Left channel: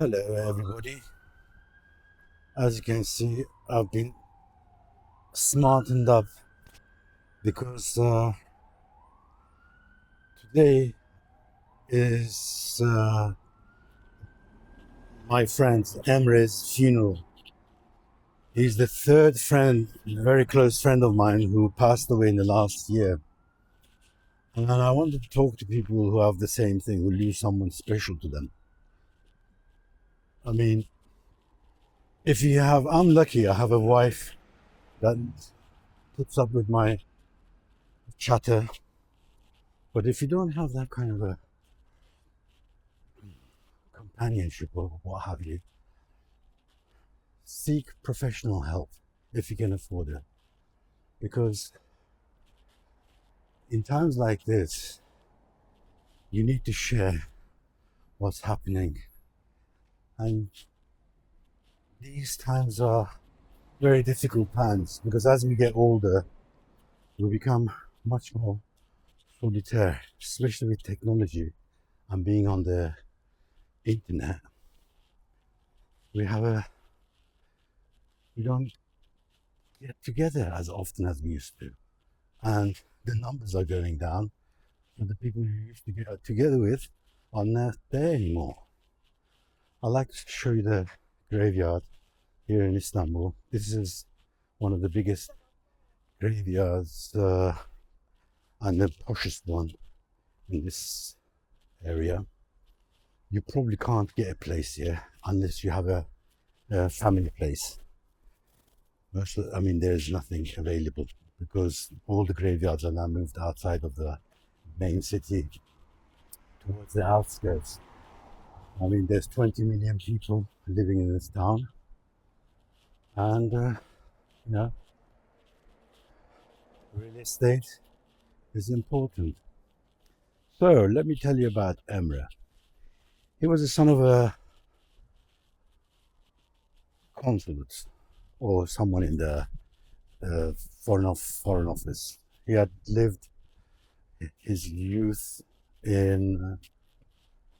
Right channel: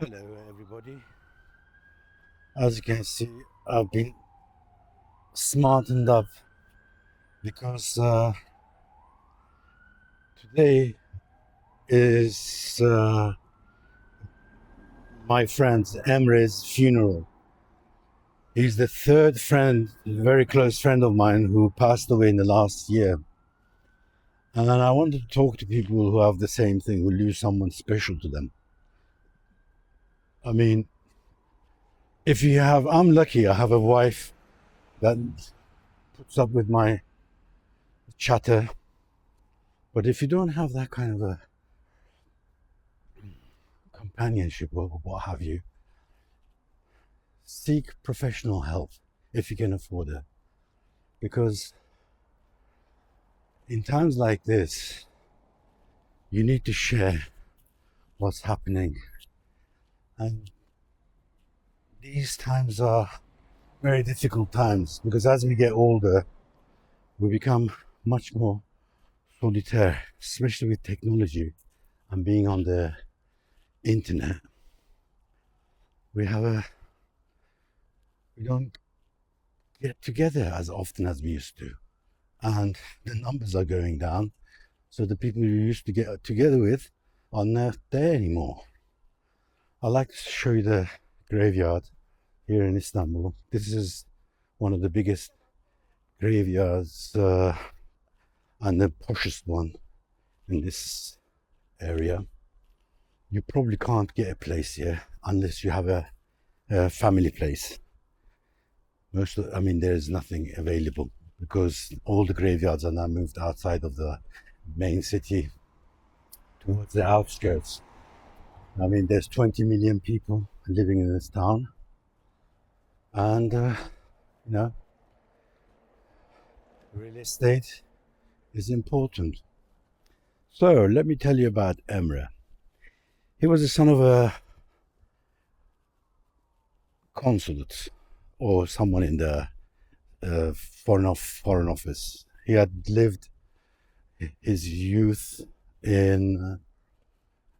Hello, everybody. As you can see, I've been smartened up because today is my friend Emre's funeral. He's the third friend, very close friend of mine, who passed away in the last year. And I wanted to talk to people who have the same thing, who lose someone special to them. I mean, I'm lucky, I have a wife that puts up with my chatter. But if you don't have that kind of a companionship or what have you, seek professional help if you can afford it. Because in times like this, you need to share what's happening. And these times are very difficult times because as we get older, we become much more solitaire, especially with technology and being on the internet. We have a we don't get together as often as we used to. And the numbers are going down. So the people you used to get together with are not there anymore. I'd like to show you the graveyard here in Istanbul. This is one of the biggest graveyards and the poshest one in this area. You probably can't get a place here unless you have a family place. There's nothing available because all the graveyards are now moved outside of the main city towards the outskirts. There's 20 million people living in this town, and you know, real estate is important. So let me tell you about Emre. He was the son of a consulate or someone in the foreign office. He had lived his youth in,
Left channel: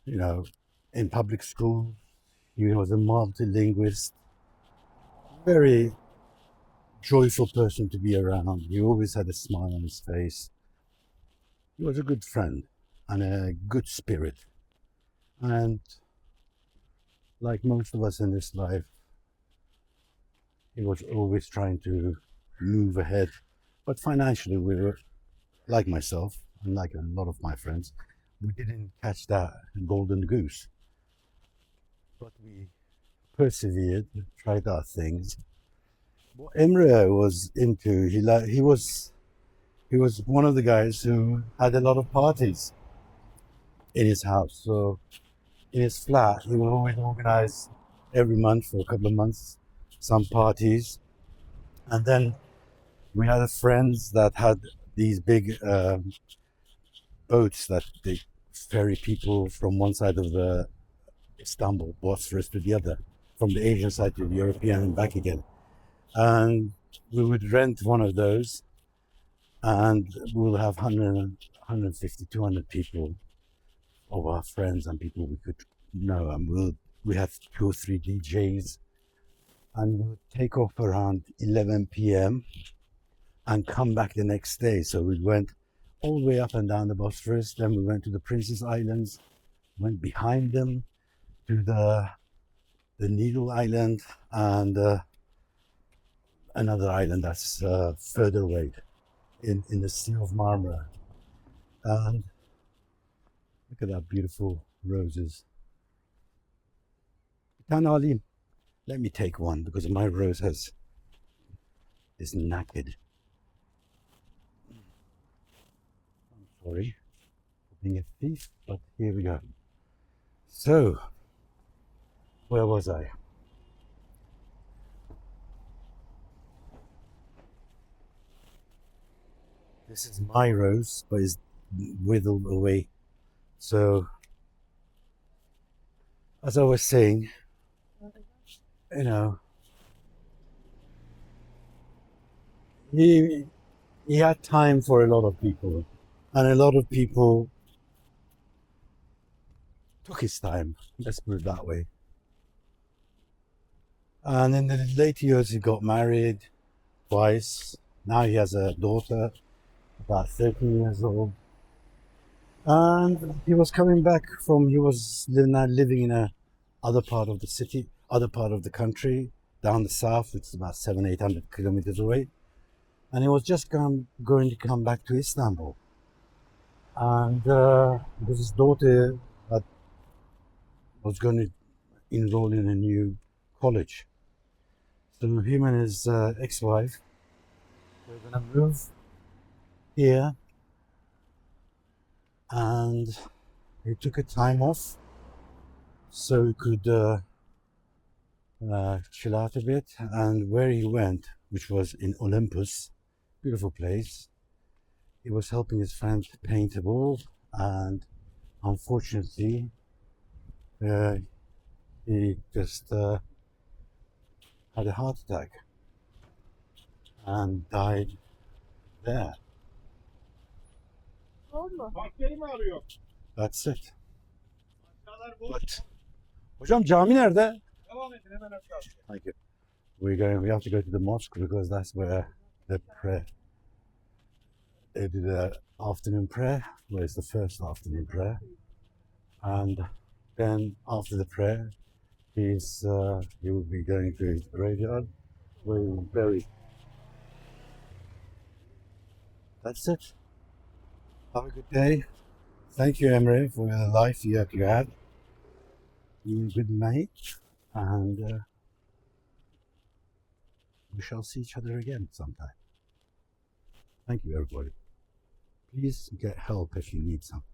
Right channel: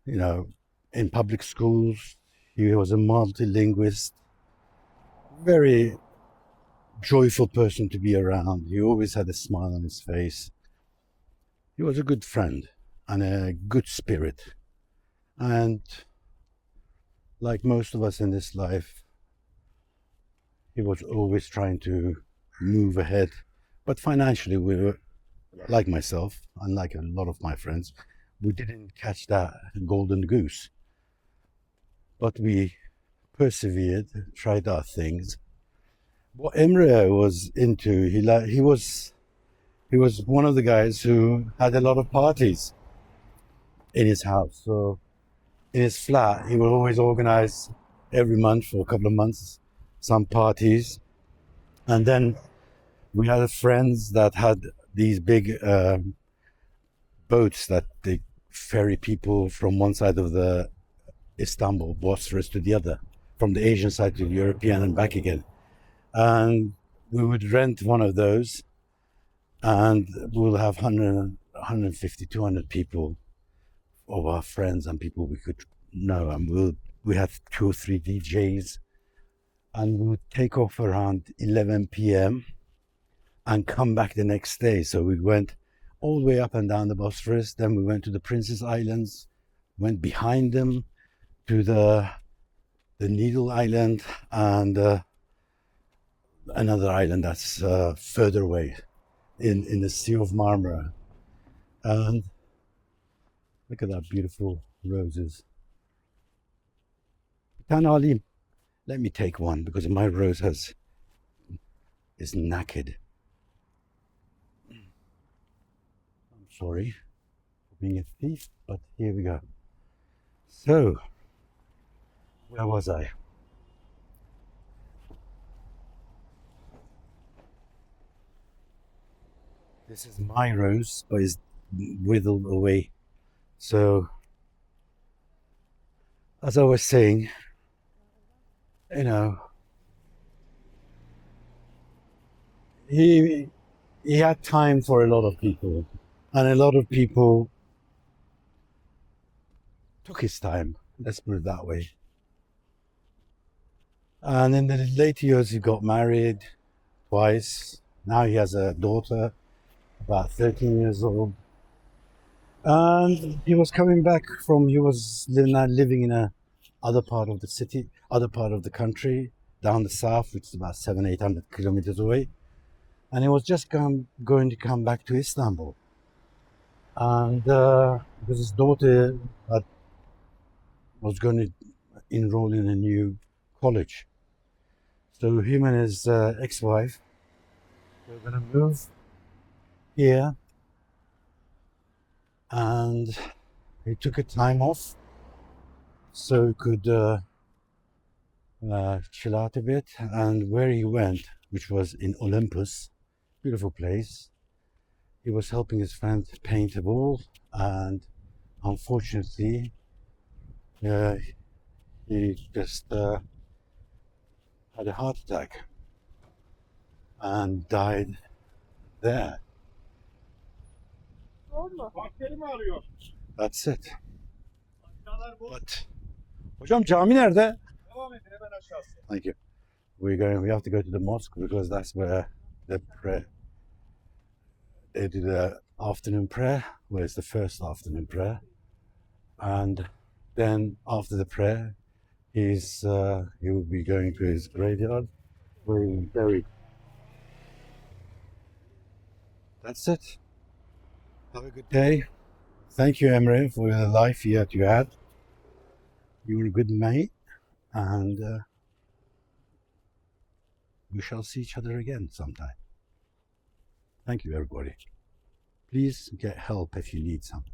you know, in public schools. He was a multilingualist, very joyful person to be around. He always had a smile on his face. He was a good friend and a good spirit. And like most of us in this life, he was always trying to move ahead. But financially, we were, like myself, and like a lot of my friends, we didn't catch that golden goose. But we persevered, tried our things. What Emre was into, he was one of the guys who had a lot of parties in his house. So in his flat, he would always organize every month for a couple of months some parties. And then we had friends that had these big boats that they ferry people from one side of the Istanbul, Bosphorus, to the other, from the Asian side to the European and back again. And we would rent one of those and we'll have 150, 200 people of our friends and people we could know. And we have 2 or 3 DJs and we would take off around 11 p.m. and come back the next day. So we went all the way up and down the Bosphorus. Then we went to the Princess Islands, went behind them to the Needle Island and another island that's further away in the Sea of Marmara. And look at that beautiful roses. Tanali, let me take one because my rose is knackered. I'm sorry for being a thief, but here we go. So, where was I? This is my rose, but it's withered away. So, as I was saying, you know, he he had time for a lot of people, and a lot of people took his time. Let's put it that way. And in the later years, he got married twice. Now he has a daughter, about 13 years old. And he was coming back from, he was living in a other part of the city, other part of the country, down the south, which is about 700-800 kilometers away. And he was just going to come back to Istanbul. And because his daughter was going to enroll in a new college. So him and his ex-wife were going to move here, and he took a time off so he could chill out a bit. And where he went, which was in Olympus, beautiful place, he was helping his friend paint a wall, and unfortunately he just had a heart attack and died there. That's it. But hocam cami nerede? Thank you. We have to go to the mosque because that's where the prayer, they do the afternoon prayer, where it's the first afternoon prayer. And then after the prayer, he will be going to his graveyard where he will be buried. That's it. Have a good day. Thank you, Emre, for the life that you had. You were a good mate, and we shall see each other again sometime. Thank you, everybody. Please get help if you need some.